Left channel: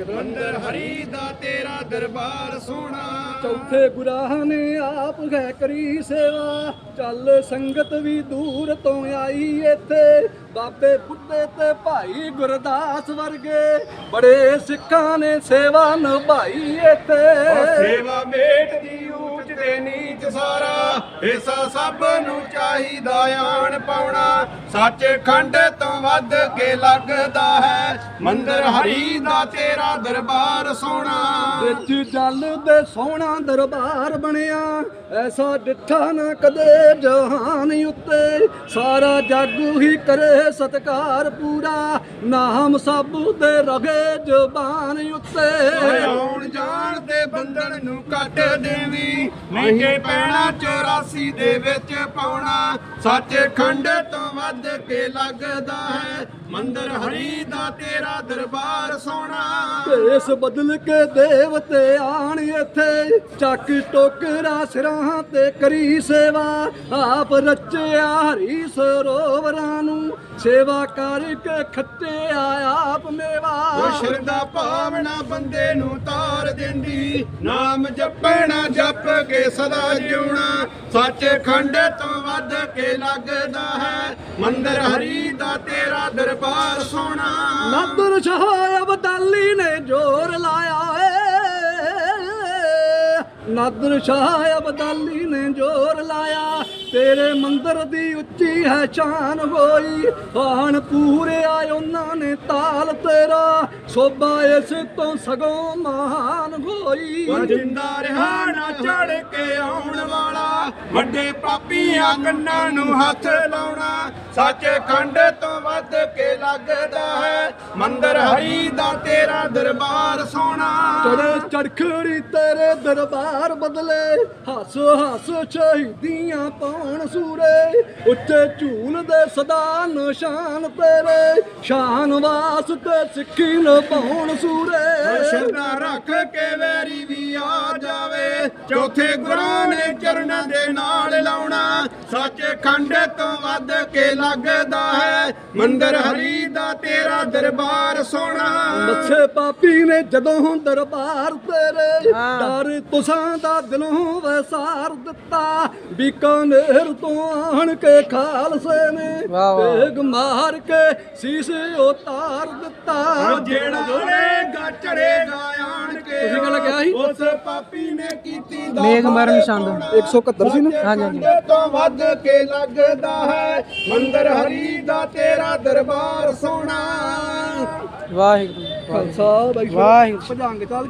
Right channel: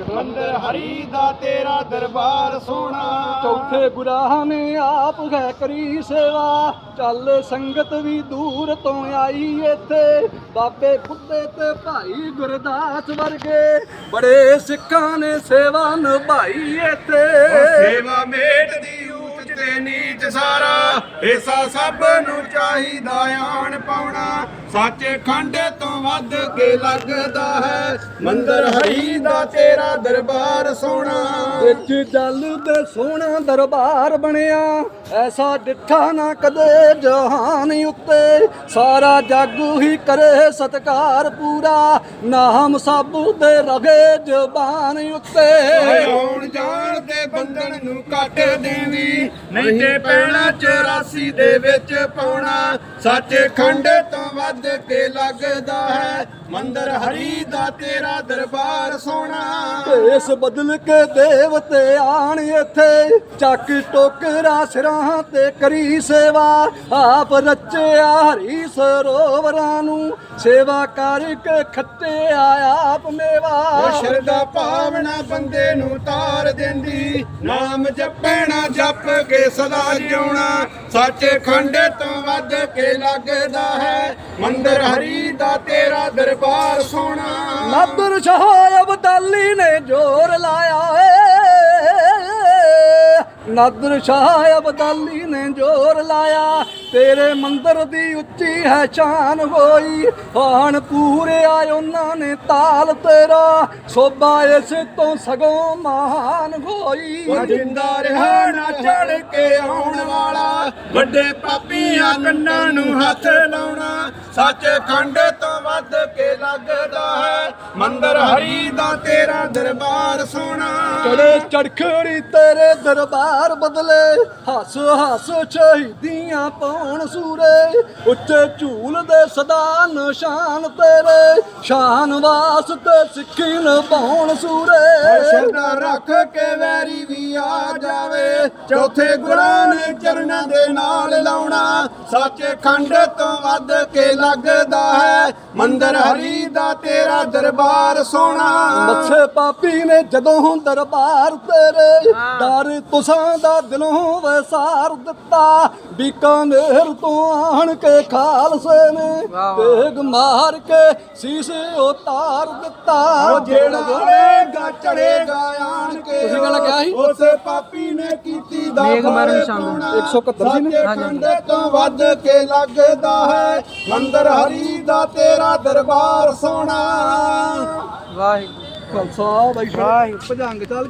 ਮੰਦਰ ਹਰੀ ਦਾ ਤੇਰਾ ਦਰਬਾਰ ਸੋਹਣਾ। ਚੌਥੇ ਗੁਰਾਹਾਂ ਨੇ ਆਪ ਹੈ ਕਰੀ ਸੇਵਾ। ਚੱਲ ਸੰਗਤ ਵੀ ਦੂਰ ਤੋਂ ਆਈ ਇੱਥੇ। ਬਾਬੇ ਬੁੱਢੇ ਤੇ ਭਾਈ ਗੁਰਦਾਸ ਵਰਗੇ ਬੜੇ ਸਿੱਖਾਂ ਨੇ ਸੇਵਾ ਨਿਭਾਈ ਇੱਥੇ। ਸੇਵਾ ਮੇਟ ਦੀ ਤੇ ਨੀਚ ਸਾਰਾ। ਏਸਾ ਸਭ ਨੂੰ ਚਾਹੀਦਾ ਆਣ ਪਾਉਣਾ ਸੱਚੇ ਖੰਡ ਤੋਂ ਵੱਧ ਕੇ ਲੱਗਦਾ ਹੈ। ਮੰਦਰ ਹਰੀ ਦਾ ਤੇਰਾ ਦਰਬਾਰ ਸੋਹਣਾ। ਵਿੱਚ ਜਲ ਦੇ ਸੋਹਣਾ ਦਰਬਾਰ ਬਣਿਆ। ਐਸਾ ਡਿੱਠਾ ਨਾ ਕਦੇ ਜਹਾਨ ਉੱਤੇ। ਸਾਰਾ ਜੱਗ ਹੀ ਕਰੇ ਸਤਕਾਰ ਪੂਰਾ। ਨਾਮ ਸਭ ਦੇ ਰਗੇ ਜ਼ਬਾਨ ਉੱਤੇ। ਆਉਣ ਜਾਣ ਦੇ ਬੰਧਨ ਨੂੰ ਕੱਟ ਦੇਵੀ। ਨਹੀਂ ਤੇ ਪੈਣਾ 84 ਦੇ ਵਿੱਚ ਪਾਉਣਾ। ਸੱਚ ਖੰਡ ਤੋਂ ਵੱਧ ਕੇ ਲੱਗਦਾ ਹੈ। ਮੰਦਰ ਹਰੀ ਦਾ ਤੇਰਾ ਦਰਬਾਰ ਸੋਹਣਾ। ਇਸ ਬਦਲ ਕੇ ਦੇਵਤੇ ਆਣ ਇੱਥੇ। ਚੱਕ ਟੋਕਰਾ ਸਿਰਾਂ ਤੇ ਕਰੀ ਸੇਵਾ। ਆਪ ਰਚਿਆ ਹਰੀ ਸਰੋਵਰਾਂ ਨੂੰ। ਸੇਵਾ ਕਰਕੇ ਖੱਟਿਆ ਆਪ ਮੇਵਾ। ਉਹ ਸ਼ਰਦਾ ਭਾਵਨਾ ਬੰਦੇ ਨੂੰ ਤਾਰ ਦਿੰਦੀ। ਨਾਮ ਜਪਣਾ ਜਪ ਕੇ ਸਦਾ ਜਿਉਣਾ। ਸੱਚ ਖੰਡ ਤੋਂ ਵੱਧ ਕੇ ਲੱਗਦਾ ਹੈ। ਮੰਦਰ ਹਰੀ ਦਾ ਤੇਰਾ ਦਰਬਾਰ ਸੋਹਣਾ। ਨਾਦਰ ਸ਼ਾਹ ਅਬਦਾਲੀ ਨੇ ਜੋਰ ਲਾਇਆ। ਨਾਦਰ ਸ਼ਾਹ ਅਬਦਾਲੀ ਨੇ ਜੋਰ ਲਾਇਆ। ਤੇਰੇ ਮੰਦਰ ਦੀ ਉੱਚੀ ਹੈ ਸ਼ਾਨ ਹੋਈ। ਹਾਣ ਪੂਰੇ ਆਏ ਉਹਨਾਂ ਨੇ ਤਾਲ ਤੇਰਾ। ਸੋਭਾ ਇਸ ਤੋਂ ਸਗੋਂ ਮਹਾਨ ਹੋਈ। ਜਿੰਦਾ ਰਿਹਾ ਨਾ ਚੜ ਕੇ ਆਉਣ ਵਾਲਾ। ਵੱਡੇ ਪਾਪੀਆਂ ਕੰਨਾਂ ਨੂੰ ਹੱਥ ਲਾਉਣਾ। ਸੱਚ ਖੰਡ ਤੋਂ ਵੱਧ ਲੱਗਦਾ ਹੈ। ਮੰਦਰ ਹਰੀ ਦਾ ਤੇਰਾ ਦਰਬਾਰ ਸੋਹਣਾ। ਚੜੇ ਚੜਖੜੀ ਤੇਰੇ ਦਰਬਾਰ ਬਦਲੇ। ਹੱਸ ਹੱਸ ਸ਼ਹੀਦੀਆਂ ਪਾਉਣ ਸੂਰੇ। ਉੱਚੇ ਝੂਲ ਦੇ ਸਦਾ ਨਿਸ਼ਾਨ ਤੇਰੇ। ਸ਼ਾਨ ਵਾਸਤੇ ਸਿੱਖੀ ਨਿਭਾਉਣ ਸੂਰੇ। ਸ਼ਰਧਾ ਰੱਖ ਕੇ ਵੈਰੀ ਵੀ ਆ ਜਾਵੇ। ਚੌਥੇ ਗੁਰਾਂ ਨੇ ਚਰਨਾਂ ਦੇ ਨਾਲ ਲਾਉਣਾ ਸੱਚ ਖੰਡ ਤੋਂ ਵੱਧ ਕੇ ਲੱਗਦਾ ਹੈ। ਮੰਦਰ ਹਰੀ ਦਾ ਤੇਰਾ ਦਰਬਾਰ ਸੋਹਣਾ। ਮੱਥੇ ਪਾਪੀ ਨੇ ਜਦੋਂ ਦਰਬਾਰ ਤੇਰੇ ਡਰ ਤੁਸਾਂ ਦਾ ਦਿਲੋਂ ਵਸਾਰ ਦਿੱਤਾ। ਬੀਕਾਨੇਰ ਤੋਂ ਆਣ ਕੇ ਖਾਲਸੇ ਨੇ ਤੇਗ ਮਾਰ ਕੇ ਸੀਸ ਉਤਾਰ ਦਿੱਤਾ। ਜਿਹੜਾ ਚੜੇਗਾ ਤੁਸੀਂ ਗੱਲ ਕਿਹਾ ਸੀ? ਉਸ ਪਾਪੀ ਨੇ ਕੀਤੀ ਦਾ ਮੇਘ ਮਰਨ। ਸੋਹਣਾ। 171 ਸੀ ਨਾ? ਸੱਚੇ ਖੰਡ ਤੋਂ ਵੱਧ ਕੇ ਲੱਗਦਾ ਹੈ ਮੰਦਰ ਹਰੀ ਦਾ ਤੇਰਾ ਦਰਬਾਰ ਸੋਹਣਾ ਵਾਹਿਗੁਰੂ ਖਾਲਸਾ ਬਾਈ ਵਾਹਿਗੁਰੂ। ਭਜੰਗ ਚੱਲ